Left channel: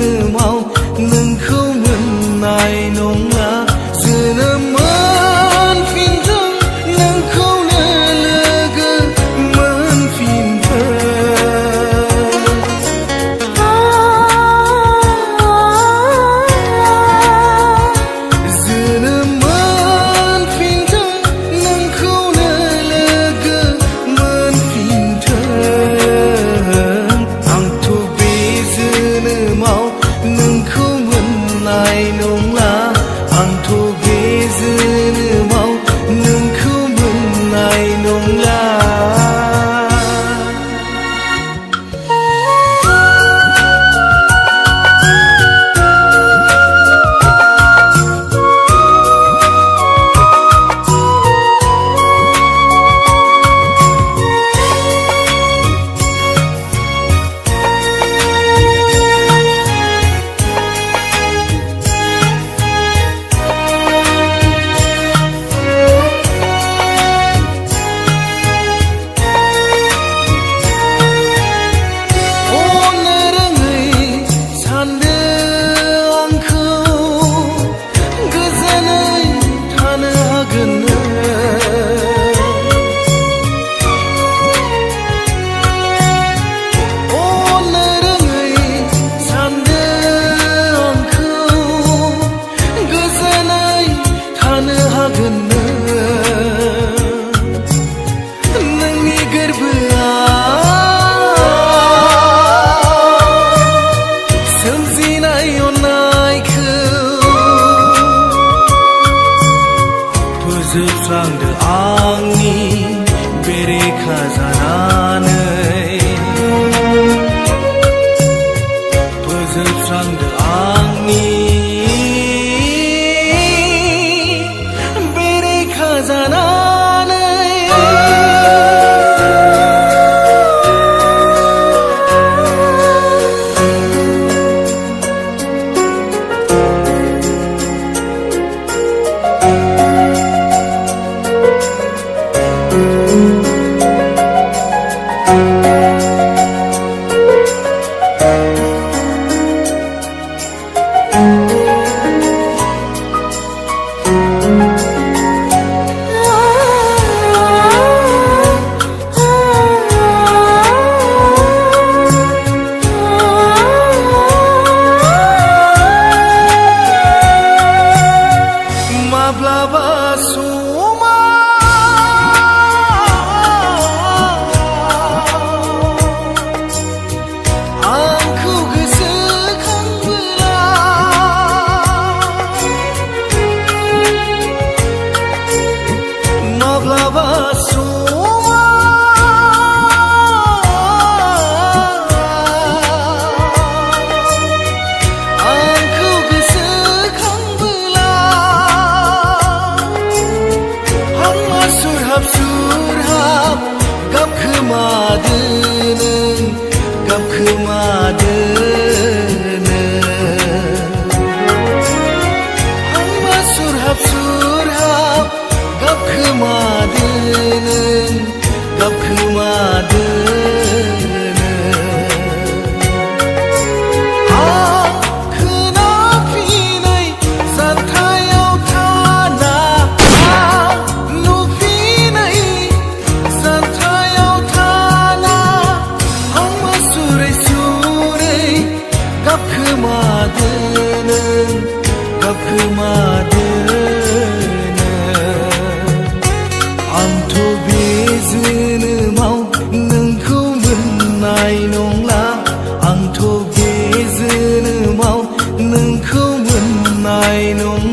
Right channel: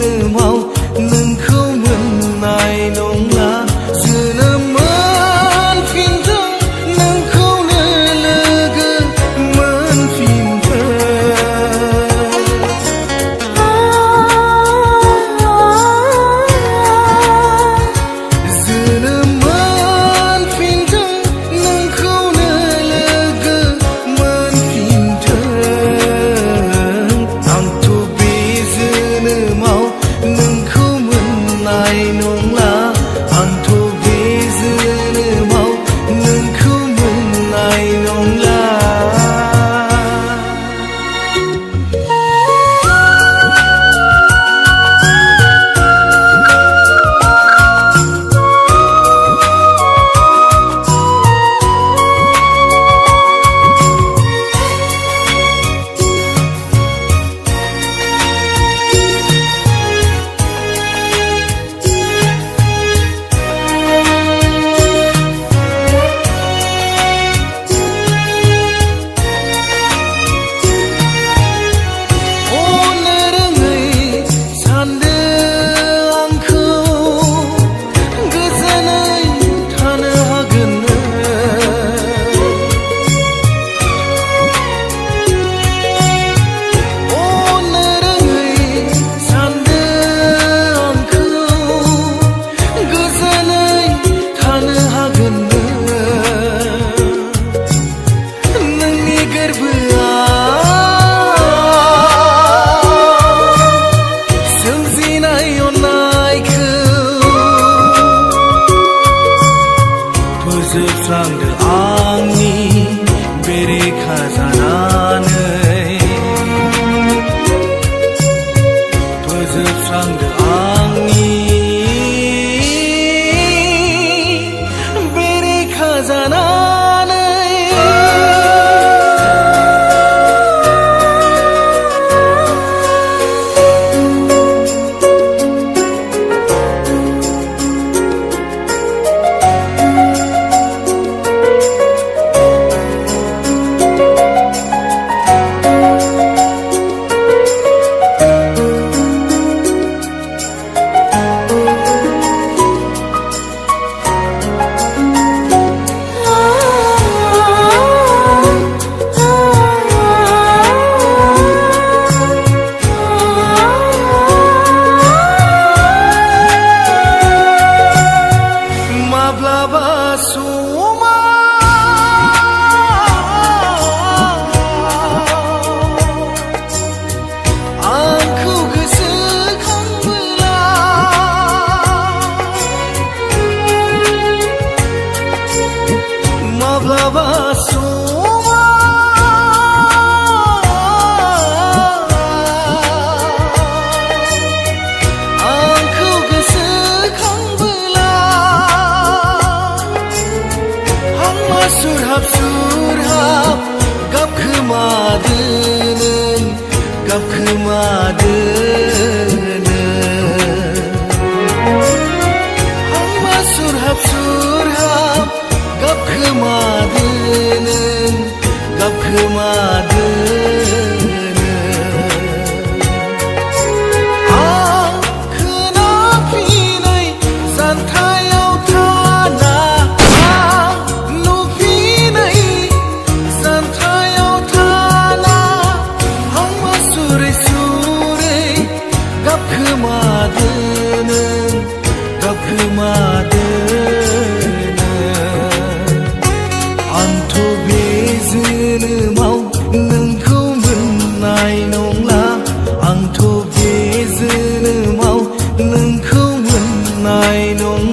जोनोमाव नोंखौ मोननाय नंला जोनोम मोनफिनथों नोंखौनो लोगो मोनफिनथों जोनोम मोनफिनथों नोंखौनो लोगो मोनफिनथों आंथ' बे जोनोमाव नोंखौ मोननाय नंला आंथ' बे जोनोमाव नोंखौ मोननाय नंला नोंनि गोरबोआव सोमजिनाय अननायखौ फोजोबस्रांदो आंनि बेरेखा जानानै फोजोबस्रांदो आंनि जानानै माब्लाबा समाव आंखौ गोसोखांबोला माब्लाबा समाव आंखौ गोसोखांबोला सुरहाब सुरहाब गाबखोमादो नों गाबखोमादो नों आंमा सुरहाब सुरहाब गाबखोमादो नों गाबखोमादो आं खोनाफिनै जानथायाव थाना गाबखोमादो नों गाबखोमादो नों आंथ' बे जोनोमाव नोंखौ मोननाय नंला आंथ' बे जोनोमाव नोंखौ मोननाय नंला